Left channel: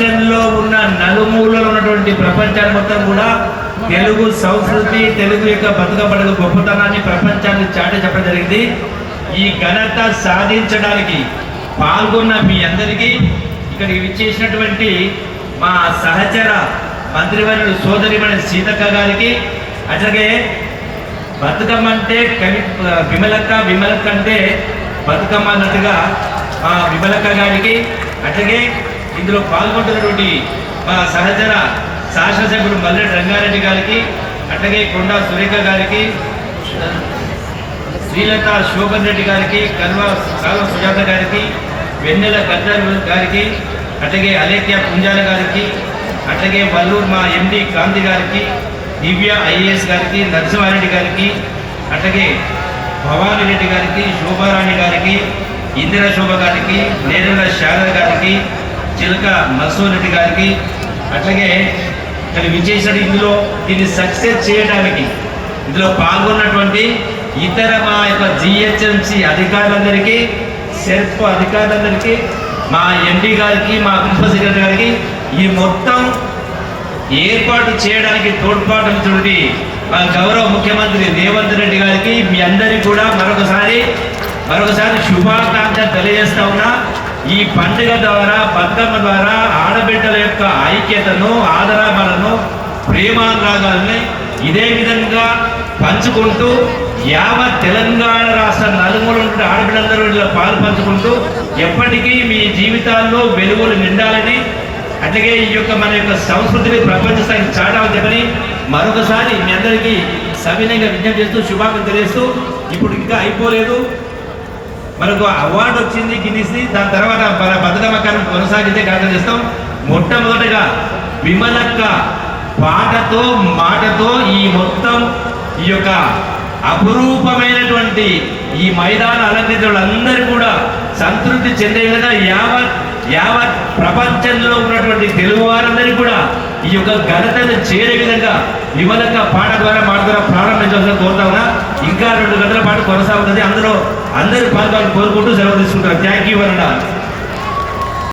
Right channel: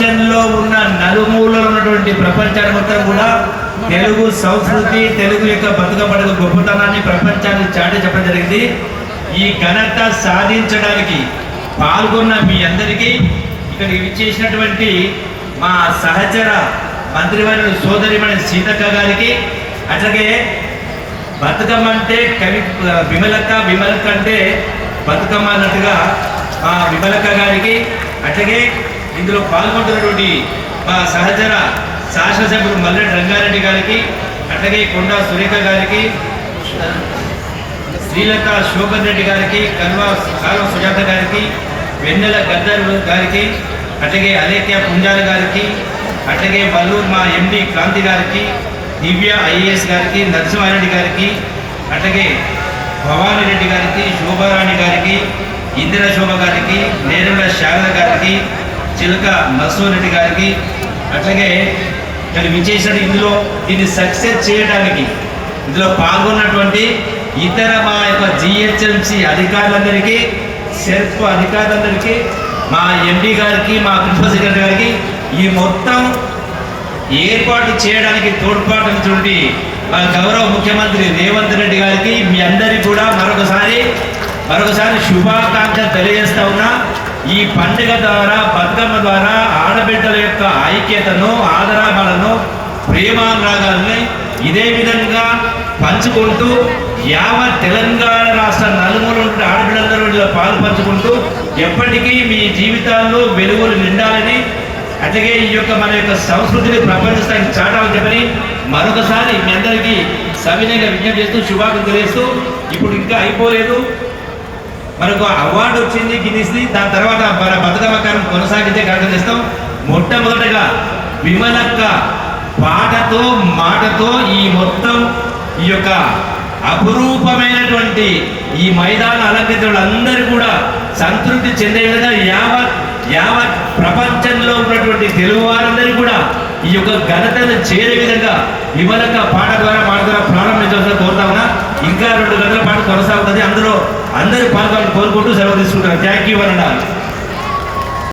ప్రపంచంలో ఉన్న నలుమూలలో ఉన్నటువంటి ప్రపంచాన్ని మొత్తం కూడా తెలుగు సంస్కృతి, తెలుగు యొక్క బతుకబడుగు గొప్పతనాన్ని ప్రపంచాన్ని చాటి చెప్పడం జరిగింది. ఈ ఘనత సాధించడానికి పాల్గొన్న మీ అందరికీ, ఇక్కడ ఇచ్చేసినటువంటి మా సహచర మంత్రివర్యులు సోదరిమణి సీతక్క గారికి, అట్లాగే బతుకమ్మ అంటే కవి విమలక్క, విమలక్క అంటే బతుకమ్మ అన్నట్టుగా మా విమలక్క గారికి, అట్లాగే ఇందులో పాల్గొంటున్నటువంటి మా సహచర శాసనసభ్యుడు మల్లెడి రంగారెడ్డి గారికి, అట్లాగే కొండా సురేఖ గారికి, శ్రీలత శోభన్ రెడ్డి గారికి, కాల్వ సుజాత గారికి, వెన్నెల గద్దర్ గారికి, అట్లాగే అలేఖ్య పుంజాల గారికి, అట్లాగే వల్లూరు మా ఎండి కాంతి గారికి, దివ్య ఐఏఎస్ గారికి, నరసింహారెడ్డి గారికి, అట్లాగే భవానీ రెడ్డి గారికి, శోభారాణి గారికి, ఇందిరా శోభ గారికి, నేరమ శారద గారికి, చిలక నరసింహారెడ్డి గారికి, అట్లాగే మరి విజేసిన ఇందులో దీన్ని సక్సెస్ చేయడానికి ఇందులో పాల్గొన్నటువంటి ఇతర మా యొక్క జిహెచ్ఎంసి అధికారులందరికీ, సెర్ప్ అధికారులందరికీ, మా ఎండి గారికి, మా ప్రిన్సిపల్ సెక్రటరీ గారికి, ఈ మొత్తం ఏర్పాటు చేయడానికి తోడ్పాటుటువంటి మా గౌరవ ముఖ్యమంత్రి రేవంత్ రెడ్డి గారికి మీ అందరికీ కూడా మరొకసారి శుభాకాంక్షలు తెలియజేస్తా ఉన్నా. ఈ పండుగ ద్వారా, బతుకమ్మ ద్వారా ఆడబిడ్డల యొక్క ఐక్యతను, ఆదరాలను, ప్రేమానురాగాలని ఇదే విధంగా పంచుకుంటూ యావత్ తెలంగాణ రాష్ట్ర నలుమూల ఆడబిడ్డలందరూ ఇందులో పాలు పంచుకుంటూ ఎప్పటికీ మీ జీవితాల్లో వెలుగులు నిండాలని, అట్లాగే ఈ యొక్క మన యొక్క సంస్కృతిని ప్రపంచానికి చాటాలని చెప్పని మరొకసారి మీ అందరికీ సవినీయంగా విజ్ఞప్తి చేస్తూ శుభాకాంక్షలు తెలియజేస్తూ, ఇప్పుడు ఇంకా అయిపోలేదు, మనకు అవార్డు వచ్చింది గిన్నిస్ది, దాని తర్వాత మన బతుకమ్మ కార్యం కొనసాగించే కార్యక్రమం చేస్తాం. మొట్టమొదటిగా విమలక్క పాటతో మాటతో ఈ మొత్తం ఈ యొక్క అపురూపమైనటువంటి ఈ మైదాన అలంకరించిన వాళ్ళందరూ కూడా సంతృప్తి చెందే విధంగా యావత్ ప్రపంచంలో ఉన్నటువంటి తెలుగు వారందరూ కూడా ఈ యొక్క ఘనతను చేరే విధంగా విమలక్క పాట ద్వారా ప్రారంభించాల్సిన కోరుతా. ఇంకా 2 గంటల పాటు కొనసాగుతుంది. అందులో అందరూ పాల్గొని కోరుకుంటూ సెలవు తీసుకుంటారు. థ్యాంక్ యూ అన్న.